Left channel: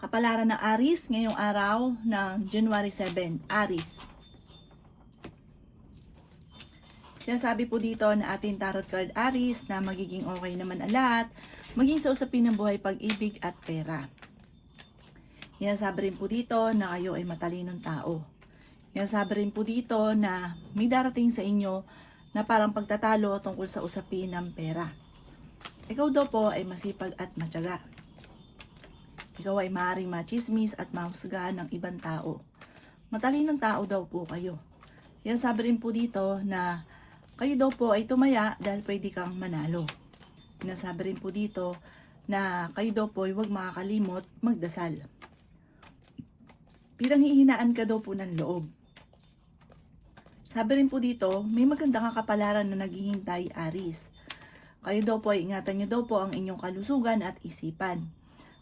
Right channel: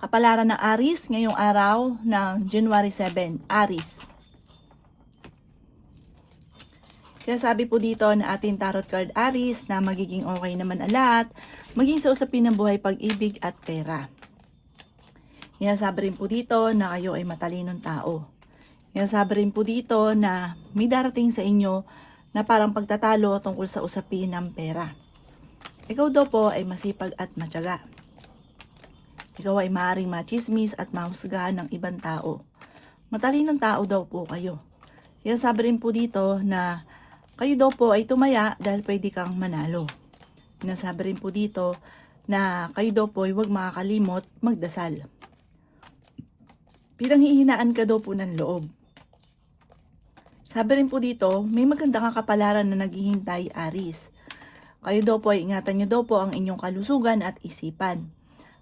Kapalaran ng Aries ngayong araw ng January 7, Aries. Sinasabi po dito na ating tarot card Aries na magiging okay naman ang lahat, maging sa usapin ng buhay, pag-ibig at pera. Sinasabi rin po dito na kayo ay matalinong tao. Sinasabi rin po dito na may darating sa inyo na parang pagtatalo tungkol sa usapin ng pera. Ikaw daw po ay masipag at matyaga. Ikaw ay maaaring machismis at mahusgahan ng ibang tao. Matalinong tao daw po kayo. Sinasabi rin po dito na kayo daw po ay tumaya dahil pwede kang manalo. Sinasabi rin po dito na kayo daw po ay huwag makakalimot magdasal. Pinanghihinaan ka daw po ng loob. Sabi rin po dito, may magandang kapalaran na naghihintay, Aries. Kayo daw po ay ingatan nyo daw po ang inyong kalusugan at isipan.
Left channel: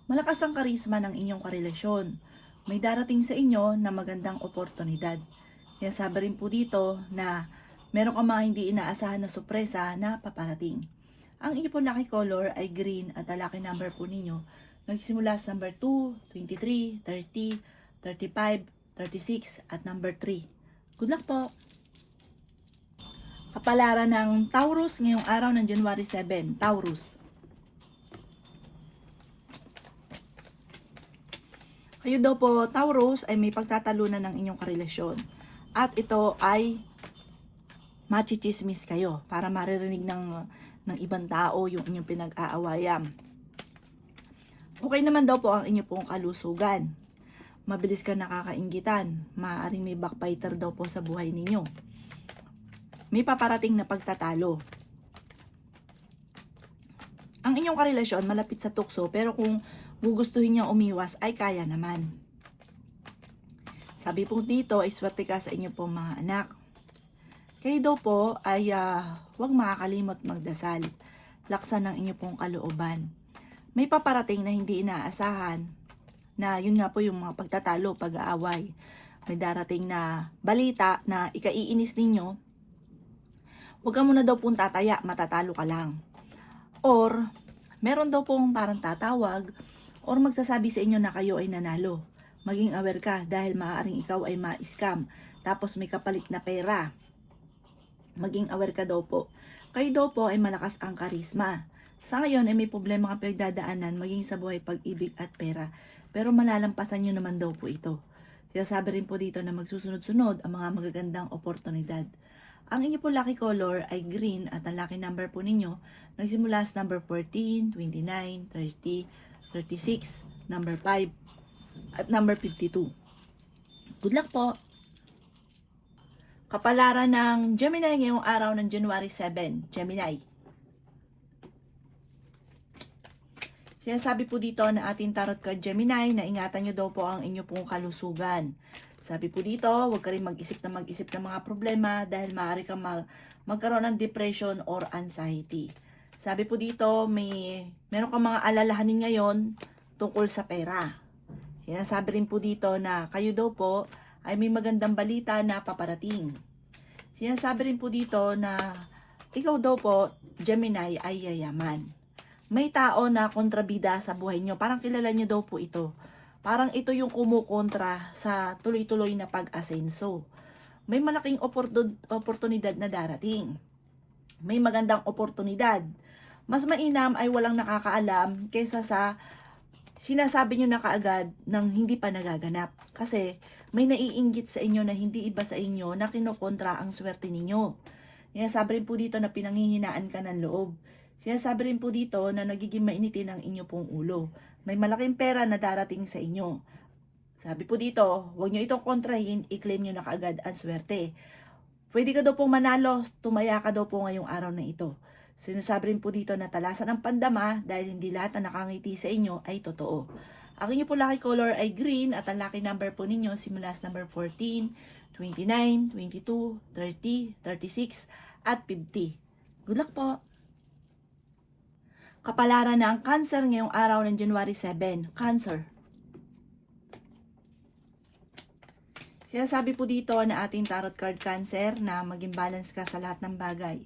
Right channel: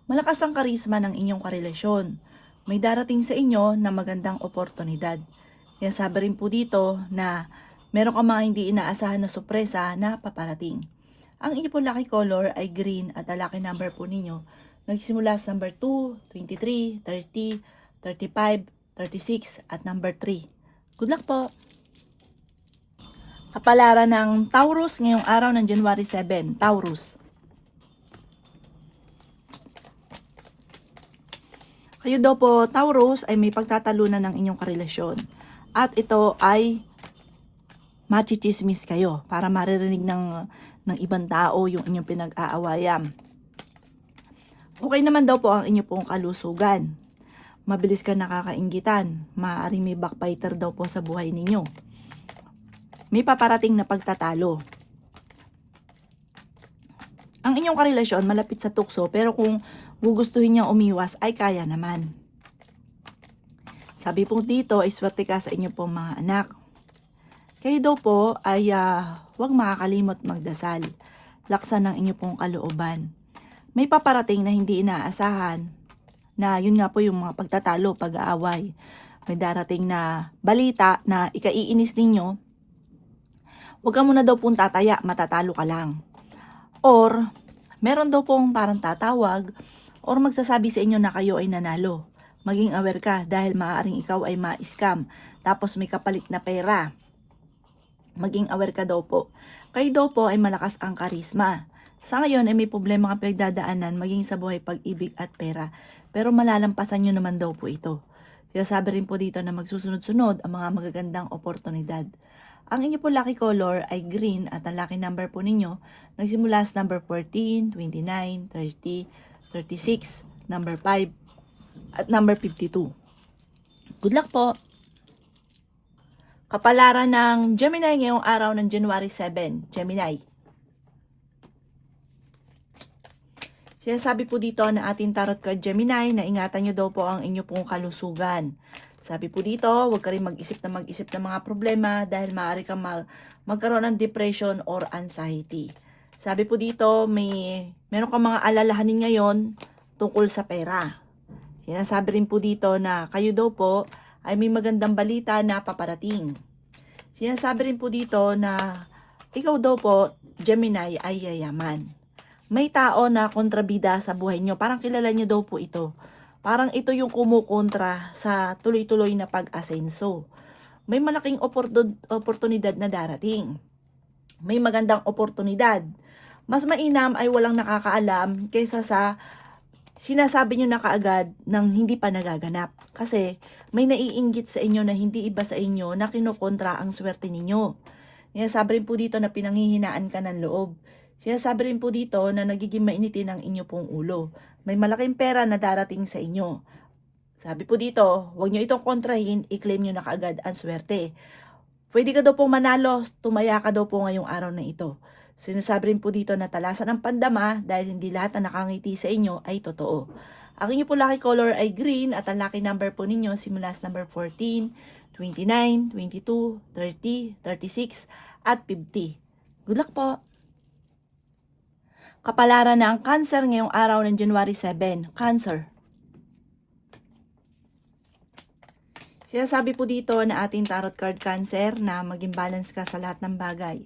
Malakas ang karisma ng inyong karelasyon. May darating sa inyo na magandang oportunidad. Sabi rin po dito na meron ka mga hindi inaasahan na sorpresa na paparating. Ang inyong po lucky color ay green at ang lucky number po ninyo nagsimula sa number 2, 23, 30, 35, 36 at number 3. Good luck po! Kapalaran ng Taurus ngayong araw ng January 7, Taurus. Kayo daw po, Taurus, ay may pagtatalunan ng inyong karelasyon. At ito ay machichismis kayo para maririnig ng ibang tao yung inyong pinag-aawayan. Okay naman daw po ang inyong pong kalusugan. Mabilis ka nakakainggitan. Maaaring may backbiter daw po sa buhay ninyo. May paparating na pagtatalo. Ang inyong karelasyon malapit sa tukso, pero kung gugustuhin niyang umiwas ay kaya naman. Sabi po dito ay swerte ka sa inyo pong mga anak. Kayo daw po ay huwag makakalimot magdasal. Laksan ng inyo pong kalooban. May paparating na hindi inaasahan na yun nga po yung mga pagtatalo, pag-aaway. May darating na balita na ikaiinis ninyo. Huwag ka muna daw pong tataya, matatalo ka lang. Or meron daw pong parang tatawag or magsasabi sa inyo na kayo ay nanalo. Maging aware ka dahil maaaring ikaw ay ma-scam tapos may kapalit na pera. Maging aware ka daw po. Kayo daw po ay malakas ang karisma. Sa ngayon ay may problema kang pinagdadaanan maging sa buhay, pag-ibig at pera. Pero malalampasan nyo naman daw po ito. Sinasabi rin po dito na magsusunod-sunod ang mga magagandang oportunidad. Ang inyo po lucky color ay green at ang lucky number po ninyo nagsimula sa number 14, 29, 30, 36, number 5, at number 52. Good luck po! Kapalaran ng Gemini ngayong araw ng January 7, Gemini. Sinasabi po dito na ating tarot card Gemini na ingatan nyo daw po ang inyo pong kalusugan. Sabi po dito, huwag ka rin mag-isip ng mga problema dahil maaari kang magkaroon ng depression or anxiety. Sabi po dito, meron kang mga alalahanin ngayon tungkol sa pera. Sinasabi rin po dito na kayo daw po ay may magandang balita na paparating. Sinasabi rin po dito na ikaw daw po, Gemini, ay yayaman. May tao na kontrabida sa buhay nyo. Parang kilala nyo daw po ito. Parang ito yung kumukontra sa tuloy-tuloy na pag-asenso. May malaking oportunidad na darating. May magandang oportunidad. Mas mainam ay walang nakakaalam kaysa sa sinasabi nyo na kaagad ng hindi pa nagaganap. Kasi may naiinggit sa inyo na hindi iba sa inyo na kinukontra ang swerte ninyo. Sinasabi rin po dito na pinanghihinaan ka ng loob. Sinasabi rin po dito na nagiging mainitin ang inyo pong ulo. May malaking pera na darating sa inyo. Sabi po dito, huwag nyo itong kontrahin, i-claim nyo na kaagad ang swerte. Pwede ka daw pong manalo, tumaya ka daw po ngayong araw na ito. Sinasabi rin po dito na talasan ang pandama dahil hindi lahat na nakangiti sa inyo ay totoo. Ang inyo po lucky color ay green at ang lucky number po ninyo simula sa number 14, 29, 22, 30, 36 at 50. Good luck po! Kapalaran ng Cancer ngayong araw ng January 7, Cancer. Sinasabi po dito na ating tarot card Cancer na maging balance ka sa lahat ng bagay.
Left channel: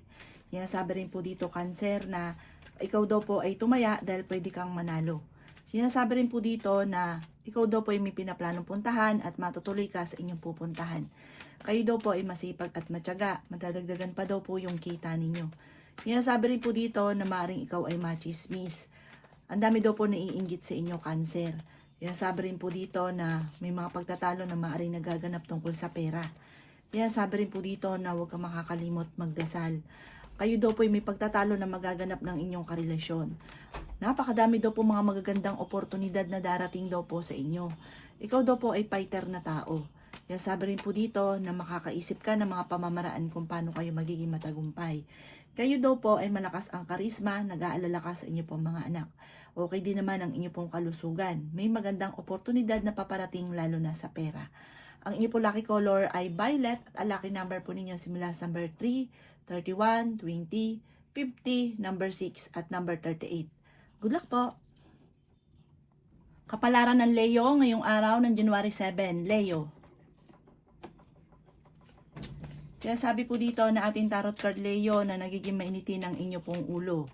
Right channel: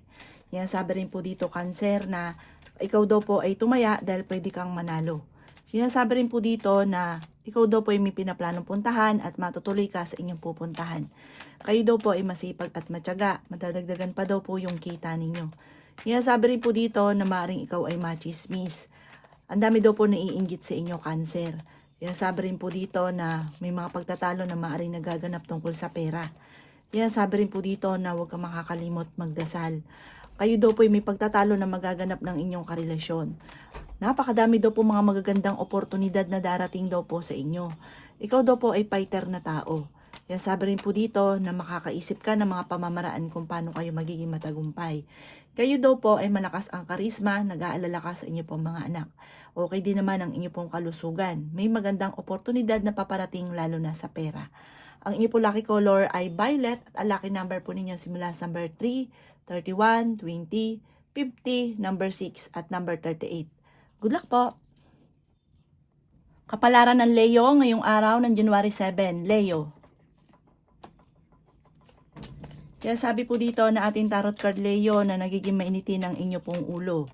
Sinasabi rin po dito Cancer na ikaw daw po ay tumaya dahil pwede kang manalo. Sinasabi rin po dito na ikaw daw po ay may pinaplanong puntahan at matutuloy ka sa inyong pupuntahan. Kayo daw po ay masipag at matyaga, madadagdagan pa daw po yung kita ninyo. Sinasabi rin po dito na maaaring ikaw ay machismis. Ang dami daw po naiinggit sa inyo, Cancer. Sinasabi rin po dito na may mga pagtatalo na maaaring nagaganap tungkol sa pera. Sinasabi rin po dito na huwag kang makakalimot magdasal. Kayo daw po ay may pagtatalo na magaganap ng inyong karelasyon. Napakadami daw po mga magagandang oportunidad na darating daw po sa inyo. Ikaw daw po ay fighter na tao. Sinasabi rin po dito na makakaisip ka ng mga pamamaraan kung paano kayo magiging matagumpay. Kayo daw po ay malakas ang karisma, nag-aalala ka sa inyo pong mga anak. Okay din naman ang inyo pong kalusugan. May magandang oportunidad na paparating lalo na sa pera. Ang inyo po lucky color ay violet at ang lucky number po ninyo simula sa number 3, 31, 20, 50, number 6 at number 38. Good luck po! Kapalaran ng Leo ngayong araw ng January 7. Leo. Kaya sabi po dito na ating tarot card Leo na nagiging mainitin ang inyo pong ulo.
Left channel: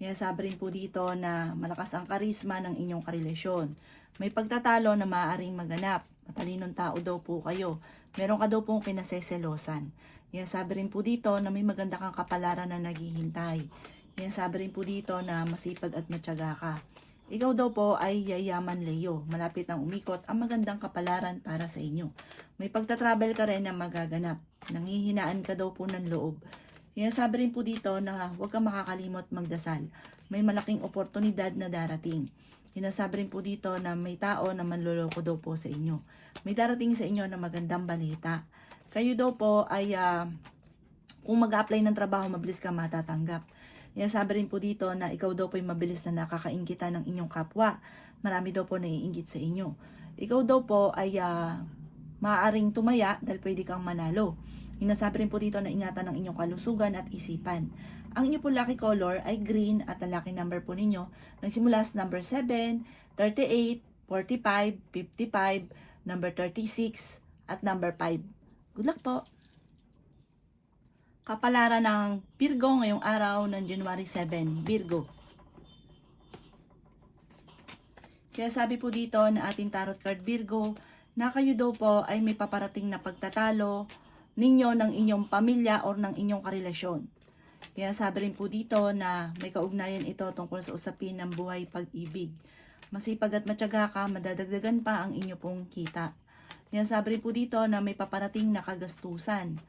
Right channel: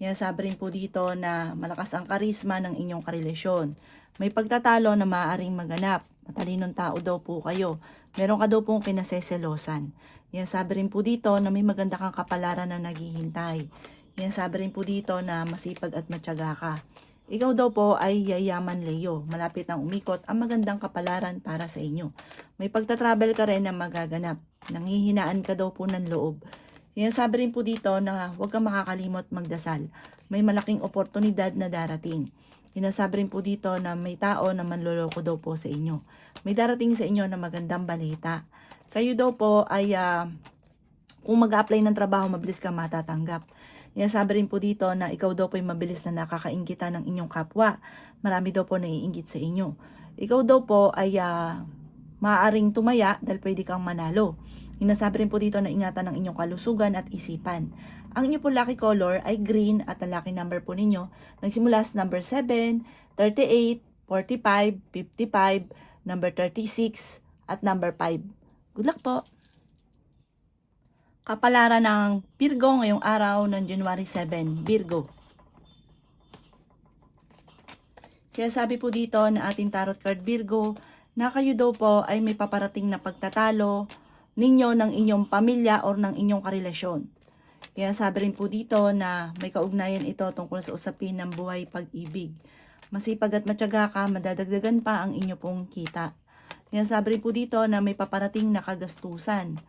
Kaya sabi rin po dito na malakas ang karisma ng inyong karelasyon. May pagtatalo na maaaring maganap. Matalinong tao daw po kayo. Meron ka daw pong kinaseselosan. Kaya sabi rin po dito na may maganda kang kapalaran na naghihintay. Kaya sabi rin po dito na masipag at matyaga ka. Ikaw daw po ay yayaman Leo. Malapit ang umikot ang magandang kapalaran para sa inyo. May pagtatravel ka rin na magaganap. Nanghihinaan ka daw po ng loob. Sinasabi rin po dito na huwag kang makakalimot magdasal. May malaking oportunidad na darating. Sinasabi rin po dito na may tao na manloloko daw po sa inyo. May darating sa inyo na magandang balita. Kayo daw po ay kung mag-apply ng trabaho, mabilis ka matatanggap. Sinasabi rin po dito na ikaw daw po ay mabilis na nakakainggitan ng inyong kapwa. Marami daw po naiinggit sa inyo. Ikaw daw po ay maaaring tumaya dahil pwede kang manalo. Sinasabi rin po dito na ingatan ng inyong kalusugan at isipan. Ang inyong po lucky color ay green at ang lucky number po ninyo nagsimula sa number 7, 38, 45, 55, number 36 at number 5. Good luck po! Kapalaran ng Virgo ngayong araw ng January 7. Virgo. Kaya sabi po dito na ating tarot card Virgo na kayo daw po ay may paparating na pagtatalo ninyo ng inyong pamilya o ng inyong karelasyon. Kaya sabi rin po dito na may kaugnayan ito tungkol sa usapin ng buhay pag-ibig. Masipag at matyaga ka, madadagdagan pa ang inyo pong kita. Kaya sabi rin po dito na may paparating na kagastusan.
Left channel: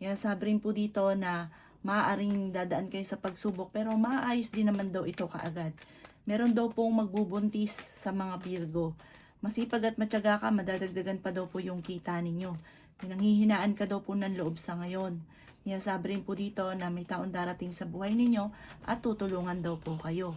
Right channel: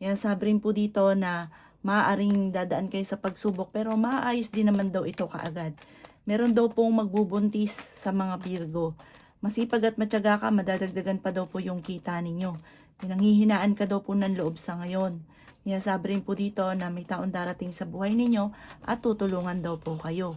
Kaya sabi rin po dito na maaaring dadaan kayo sa pagsubok pero maayos din naman daw ito kaagad. Meron daw pong magbubuntis sa mga Virgo. Masipag at matyaga ka, madadagdagan pa daw po yung kita ninyo. Pinanghihinaan ka daw po ng loob sa ngayon. Kaya sabi rin po dito na may taon darating sa buhay ninyo at tutulungan daw po kayo.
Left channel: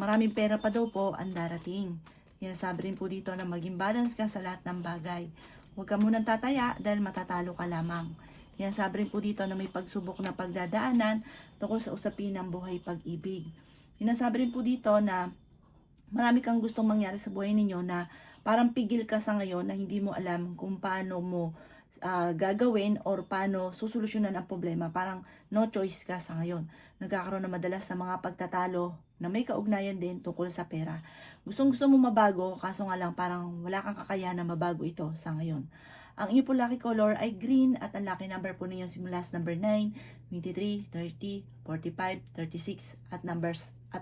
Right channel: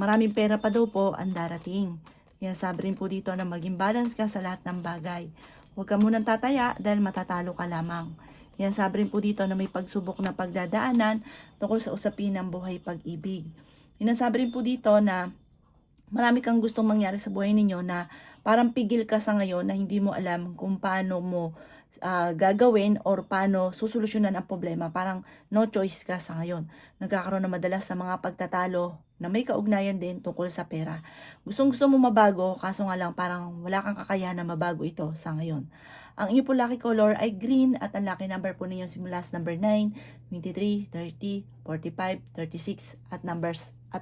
Maraming pera pa daw po ang darating. Kaya sabi rin po dito na maging balance ka sa lahat ng bagay. Huwag ka munang tataya dahil matatalo ka lamang. Kaya sabi rin po dito na may pagsubok na pagdadaanan tungkol sa usapin ng buhay pag-ibig. Sinasabi rin po dito na marami kang gustong mangyari sa buhay ninyo na parang pigil ka sa ngayon na hindi mo alam kung paano mo gagawin or paano susolusyonan ang problema. Parang no choice ka sa ngayon. Nagkakaroon na madalas ng mga pagtatalo na may kaugnayan din tungkol sa pera. Gusto mo mabago, kaso nga lang parang wala kang kakayahan na mabago ito sa ngayon. Ang inyo po lucky color ay green at ang lucky number po ninyo simula sa number 9, 23, 30, 45, 36 at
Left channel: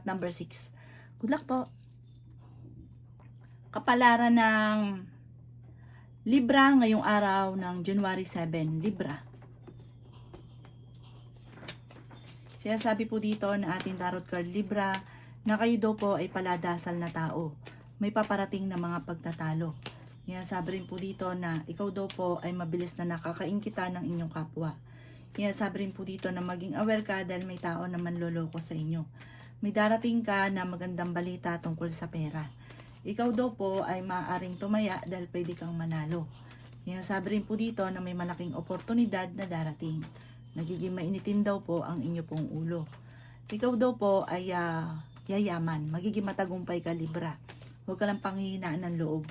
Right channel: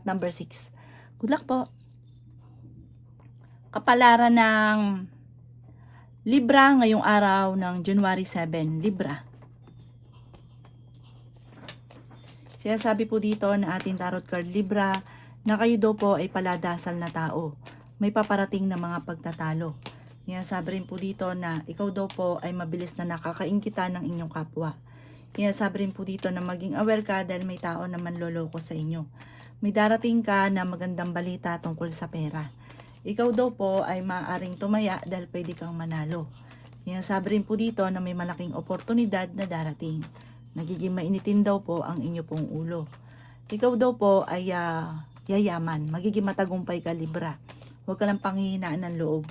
number 6. Good luck po! Kapalaran ng Libra ngayong araw ng January 7. Libra. Sinasabi po dito na ating tarot card Libra na kayo daw po ay paladasal na tao. May paparating na mga pagtatalo. Sinasabi rin po dito na ikaw daw po ay mabilis na nakakaingkita ng inyong kapwa. Sinasabi rin po dito na maging aware ka dahil may tao na manloloko sa inyo. May darating ka na magandang balita tungkol sa pera. Ikaw daw po ay maaaring tumaya dahil pwede kang manalo. Sinasabi rin po dito na may malaking oportunidad na darating. Nagiging mainitin daw po ang inyo pong ulo. Ikaw daw po ay yayaman. Magiging matagumpay ka Libra. Huwag ka lang panghihinaan ng loob.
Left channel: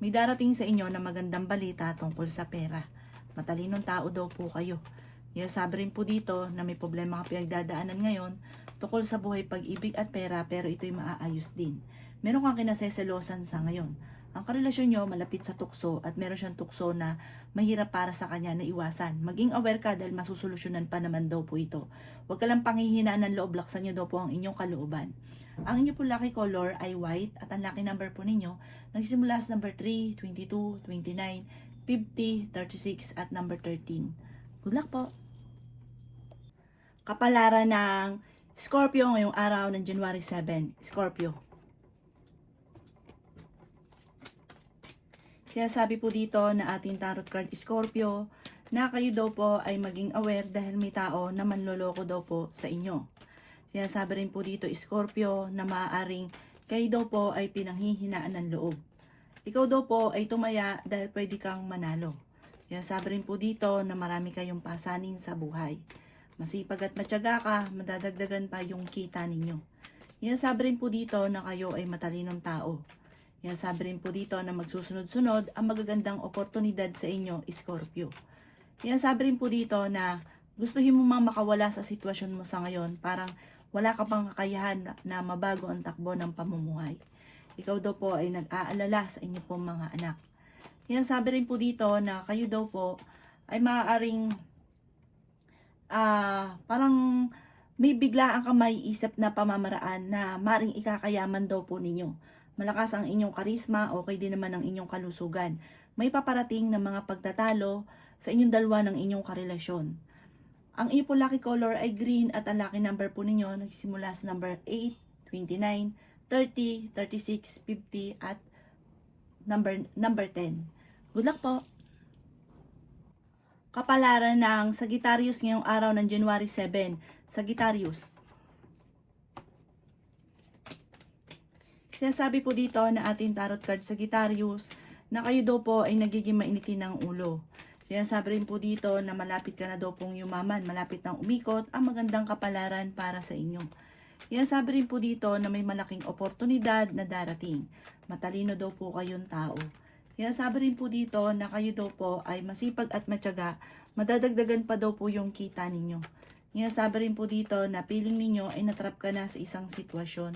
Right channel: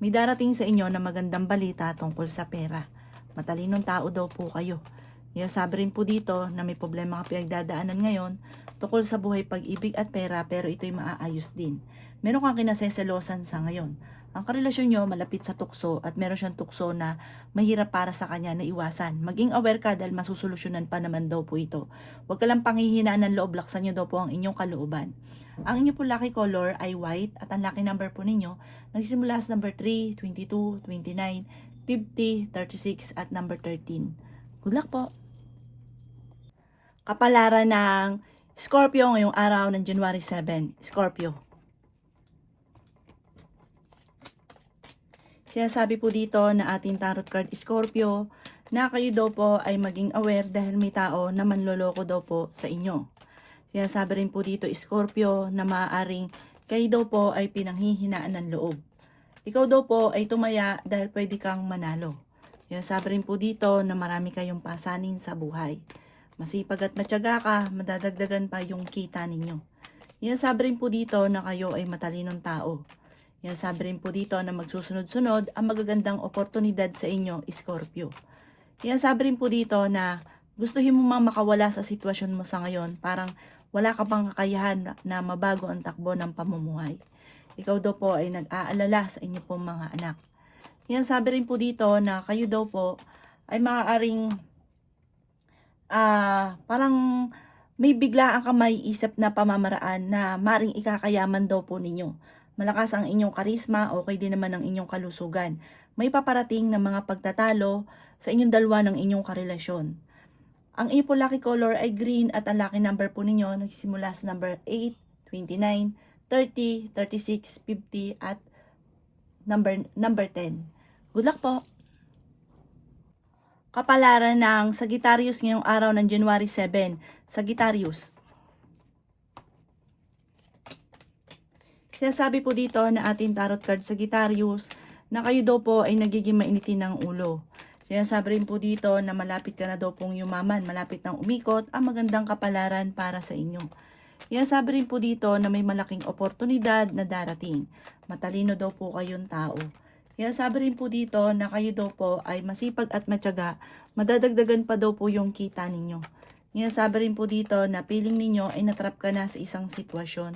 May darating sa inyo na magandang balita tungkol sa pera. Matalinong tao daw po kayo. Sabi rin po dito na may problema ka pinagdadaanan ngayon tungkol sa buhay pag-ibig at pera pero ito'y maaayos din. meron kang kinaseselosan sa ngayon. Ang karelasyon nyo malapit sa tukso at meron siyang tukso na mahirap para sa kanya na iwasan. Maging aware ka dahil masusolusyonan pa naman daw po ito. Huwag ka lang panghihinaan ng loob, laksan nyo daw po ang inyong kalooban. Ang inyo po lucky color ay white at ang lucky number po ninyo nagsisimula sa number 3, 22, 29, 50, 36 at number 13. Good luck po! Kapalaran ng Scorpio ngayong araw ng January 7. Scorpio. Sinasabi po dito na ating tarot card Scorpio na kayo daw po ay maging aware dahil may tao na manloloko daw po sa inyo. Sinasabi rin po dito Scorpio na maaaring kayo daw po ay pinanghihinaan ng loob. Ikaw daw po ay tumaya dahil pwede kang manalo. Sinasabi rin po dito na marami kayong pasanin sa buhay. Masipag at matyaga ka, madadagdagan pa yung kita ninyo. Sinasabi rin po dito na kayo ay matalinong tao. Sabi rin po dito na magsusunod-sunod ang magagandang oportunidad sa inyo, Scorpio. Sabi rin po dito na gustuhin mo mang makawala sa sitwasyon mo sa ngayon, parang wala ka pang kakayahan na mabago ang takbo ng pamumuhay. Ikaw daw po ay nag-aalala sa inyo pong mga anak. Sabi rin po dito na kayo daw po ay maaaring parang may biglaan ka maiisip na pamamaraan na maaaring ikakayaman daw po ninyo. Malakas ang inyong karisma, okay din naman ang inyong kalusugan. May paparating na mga pagtatalo sa inyong dalawa ng inyong karelasyon. Ang inyo po lucky color ay green at ang lucky number po ninyo nagsisimula sa number 8, 29, 30, 36, 50 at number 10. Good luck po! Kapalaran ng Sagittarius ngayong araw ng January 7. Sagittarius. Sinasabi po dito na ating tarot card Sagittarius na kayo daw po ay nagiging mainitin ng ulo. Sinasabi rin po dito na malapit ka na daw pong yumaman, malapit nang umikot ang magandang kapalaran para sa inyo. Sinasabi rin po dito na may malaking oportunidad na darating. Matalino daw po kayong tao. Sinasabi rin po dito na kayo daw po ay masipag at matyaga, madadagdagan pa daw po yung kita ninyo. Sinasabi rin po dito na feeling ninyo ay natrap ka na sa isang sitwasyon.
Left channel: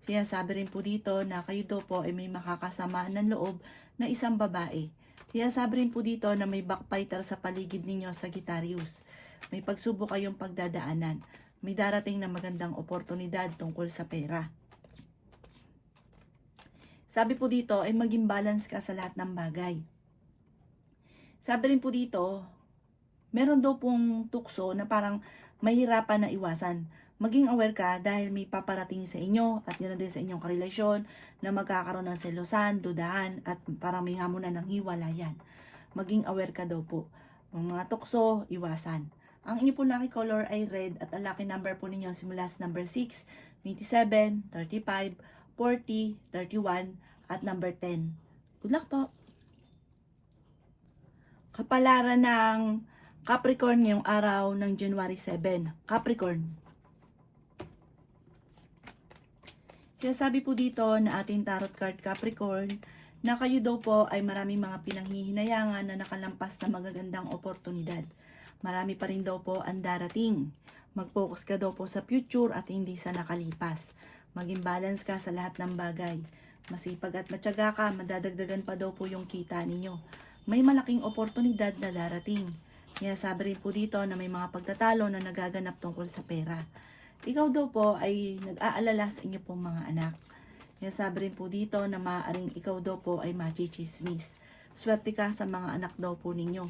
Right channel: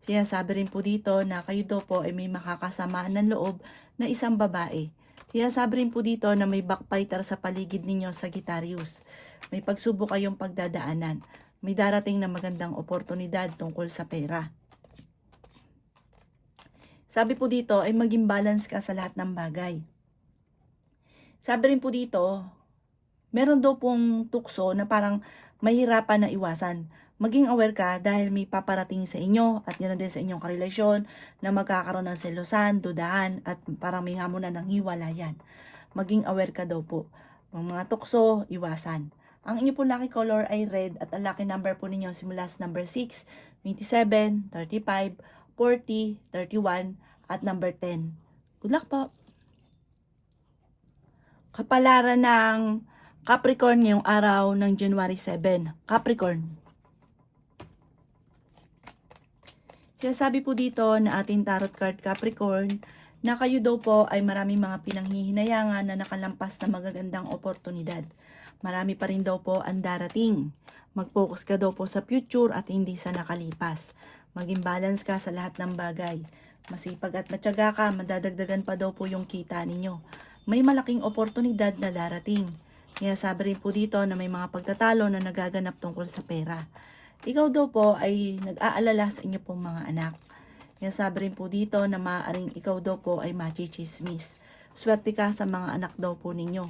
Sinasabi rin po dito na kayo daw po ay may makakasamaan ng loob na isang babae. Sinasabi rin po dito na may backbiter sa paligid ninyo, Sagittarius. May pagsubok kayong pagdadaanan. May darating na magandang oportunidad tungkol sa pera. Sabi po dito ay maging balance ka sa lahat ng bagay. Sabi rin po dito, meron daw pong tukso na parang mahirapan na iwasan. Maging aware ka dahil may paparating sa inyo at yun din sa inyong karelasyon na magkakaroon ng selosan, dudahan at parang may hamon na ng hiwalayan. Maging aware ka daw po. Ang mga tukso, iwasan. Ang inyo po lucky color ay red at ang lucky number po ninyo simula sa number 6, 27, 35, 40, 31 at number 10. Good luck po! Kapalaran ng Capricorn ngayong araw ng January 7. Capricorn. Sinasabi po dito na ating tarot card Capricorn na kayo daw po ay maraming mga pinanghihinayangan na nakalampas na magagandang oportunidad. Marami pa rin daw po ang darating. Mag-focus ka daw po sa future at hindi sa nakalipas. Maging balance ka sa lahat ng bagay. Masipag at matyaga ka, madadagdagan pa daw po yung kita ninyo. May malaking oportunidad na darating. Sinasabi rin po dito na may mga pagtatalo na nagaganap tungkol sa pera. Ikaw daw po ay nag-aalala sa inyo pong mga anak. Sinasabi rin po dito na maaaring ikaw daw po ay machichismis. Swerte ka sa mga anak daw po ninyo.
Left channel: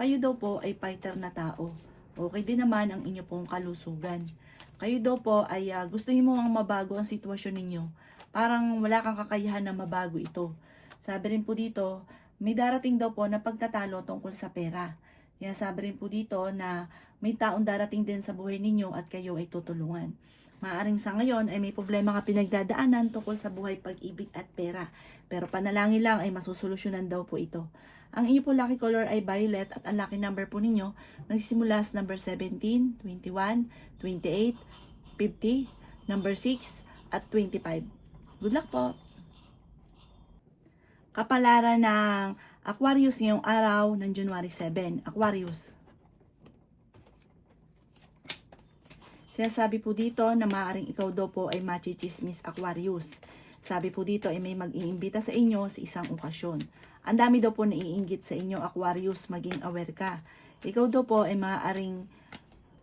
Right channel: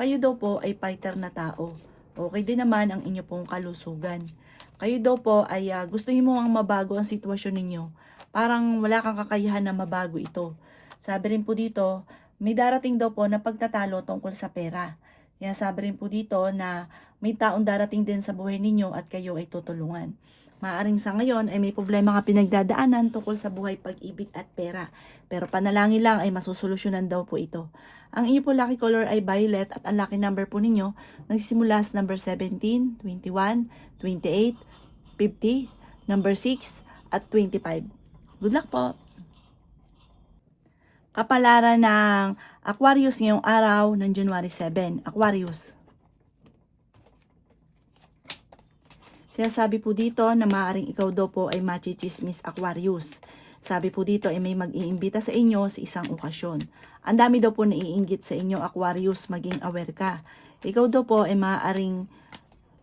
Kayo daw po ay fighter na tao. Okay din naman ang inyo pong kalusugan. Kayo daw po ay gustuhin mo ang mabago ang sitwasyon ninyo. Parang wala kang kakayahan na mabago ito. Sabi rin po dito, may darating daw po na pagtatalo tungkol sa pera. Sabi rin po dito na may taong darating din sa buhay ninyo at kayo ay tutulungan. Maaring sa ngayon ay may problema ka pinagdadaanan tungkol sa buhay, pag-ibig at pera. Pero panalangin lang ay masusolusyonan daw po ito. Ang inyo po lucky color ay violet at ang lucky number po ninyo nagsisimula sa number 17, 21, 28, 50, number 6 at 25. Good luck po! Kapalaran ng Aquarius ngayong araw ng January 7. Aquarius. Sinasabi po dito na maaaring ikaw daw po ay machichismis, Aquarius. Sabi po dito ay may mag-iimbita sa inyo sa isang okasyon. Ang dami daw po naiinggit sa inyo, Aquarius, maging aware ka. Ikaw daw po ay maaaring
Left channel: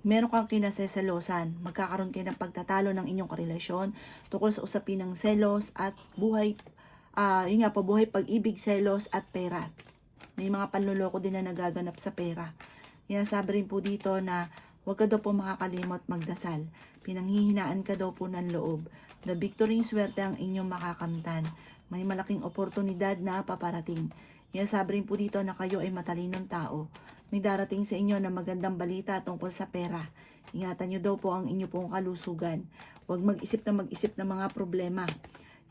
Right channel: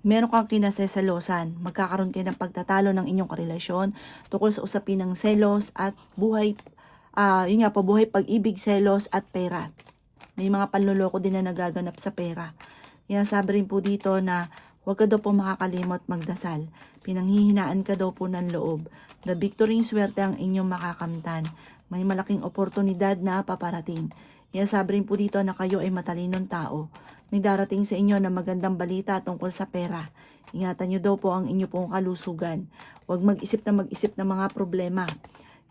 meron kang kinasesalosan. Magkakaroon kayo ng pagtatalo ng inyong karelasyon tungkol sa usapin ng selos at buhay, yun nga po, buhay pag-ibig, selos at pera. May mga panloloko din na nagaganap sa pera. Kaya sabi rin po dito na huwag ka daw po makakalimot magdasal. Pinanghihinaan ka daw po ng loob. The victory swerte ang inyong makakamtan. May malaking oportunidad na paparating. Kaya sabi rin po dito na kayo ay matalinong tao. May darating sa inyo na magandang balita tungkol sa pera. Ingatan nyo daw po ang inyo pong kalusugan. Huwag mag-isip ng mga problema.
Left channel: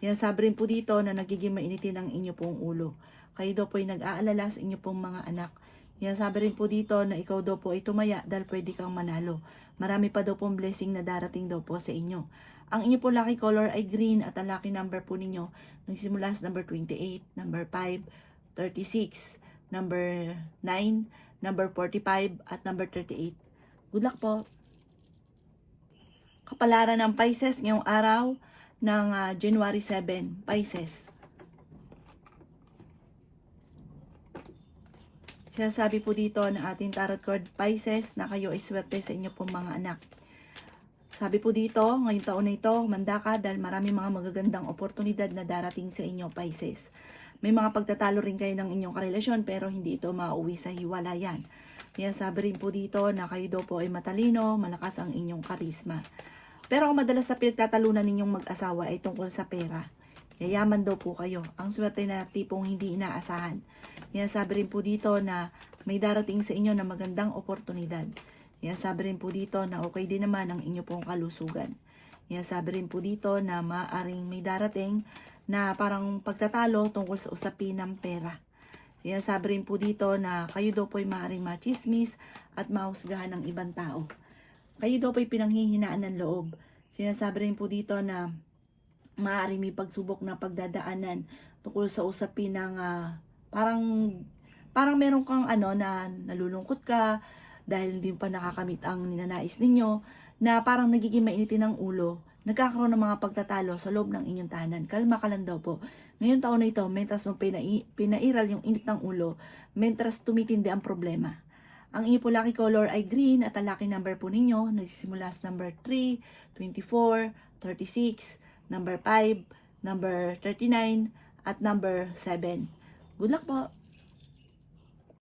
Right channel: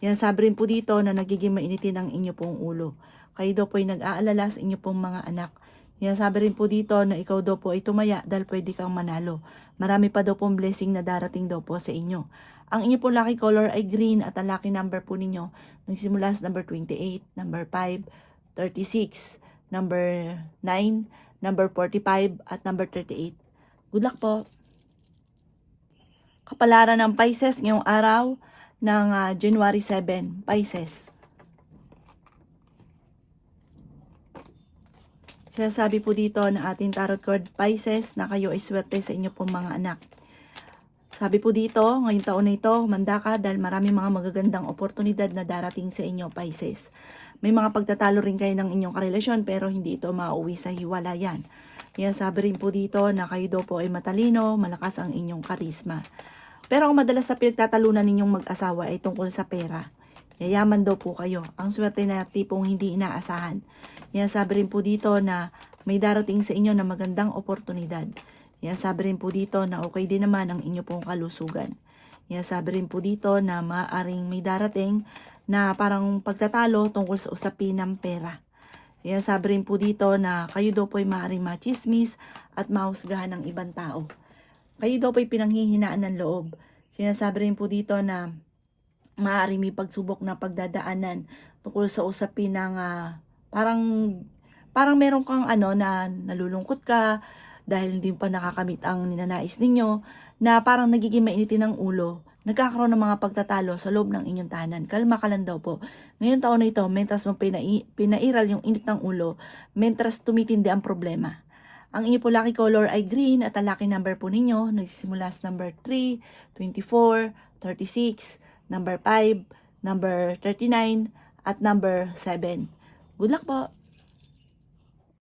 Yan sabi rin po dito na nagiging mainitin ang inyo pong ulo. Kayo daw po ay nag-aalala sa inyo pong mga anak. Yan sabi rin po dito na ikaw daw po ay tumaya dahil pwede kang manalo. Marami pa daw pong blessing na darating daw po sa inyo. Ang inyo po lucky color ay green at ang lucky number po ninyo nagsimula sa number 28, number 5, 36, number 9, number 45 at number 38. Good luck po. Kapalaran ng Pisces ngayong araw ng January 7, Pisces. Sinasabi po dito na ating tarot card Pisces na kayo ay swerte sa inyo pong mga anak. Sabi po dito, ngayong taon na ito, manda ka dahil marami mga magagandang oportunidad na darating sa inyo, Pisces. May mga pagtatalo rin kayo ng inyong karelasyon pero hindi ito mauwi sa hiwalayan. Kaya sabi rin po dito na kayo daw po ay matalino, malakas ang inyong karisma. Pero ang madalas na pinagtatalunan ninyong mag-asawa ay tungkol sa pera. Yayaman daw po kayo. Ang swerte na tipong hindi inaasahan. Kaya sabi rin po dito na may darating sa inyo na magandang oportunidad. Kaya sabi rin po dito na okay din naman ang inyo pong kalusugan. Kaya sabi rin po dito na maaaring may darating na parang pagtatalo tungkol sa usapin ng pera. Kaya sabi rin po dito na kayo daw po ay maaaring machismis at mahusgahan ng ibang tao. Kayo daw po ay pinanghihinaan ng loob. Sinasabi rin po dito na maaaring may pagsubok na pagdadaanan tungkol sa usapin ng parang meron kang na nalulungkot ka dahil hindi pa nakakamit ang ninanais ninyo na parang nagiging mainitin ng ulo, nagkakaroon ng mga pagtatalo sa loob ng inyong tahanan. Kalma ka lang daw po. Ngayong taon na ito, mentras mo pinairal yung init ng ulo, mentras tumitindi ang problema. Ang inyo po lucky color ay green at ang lucky number po ninyo nagsisimula sa number 3, 24, 36, number 5, number 39, at number 7. Good luck po!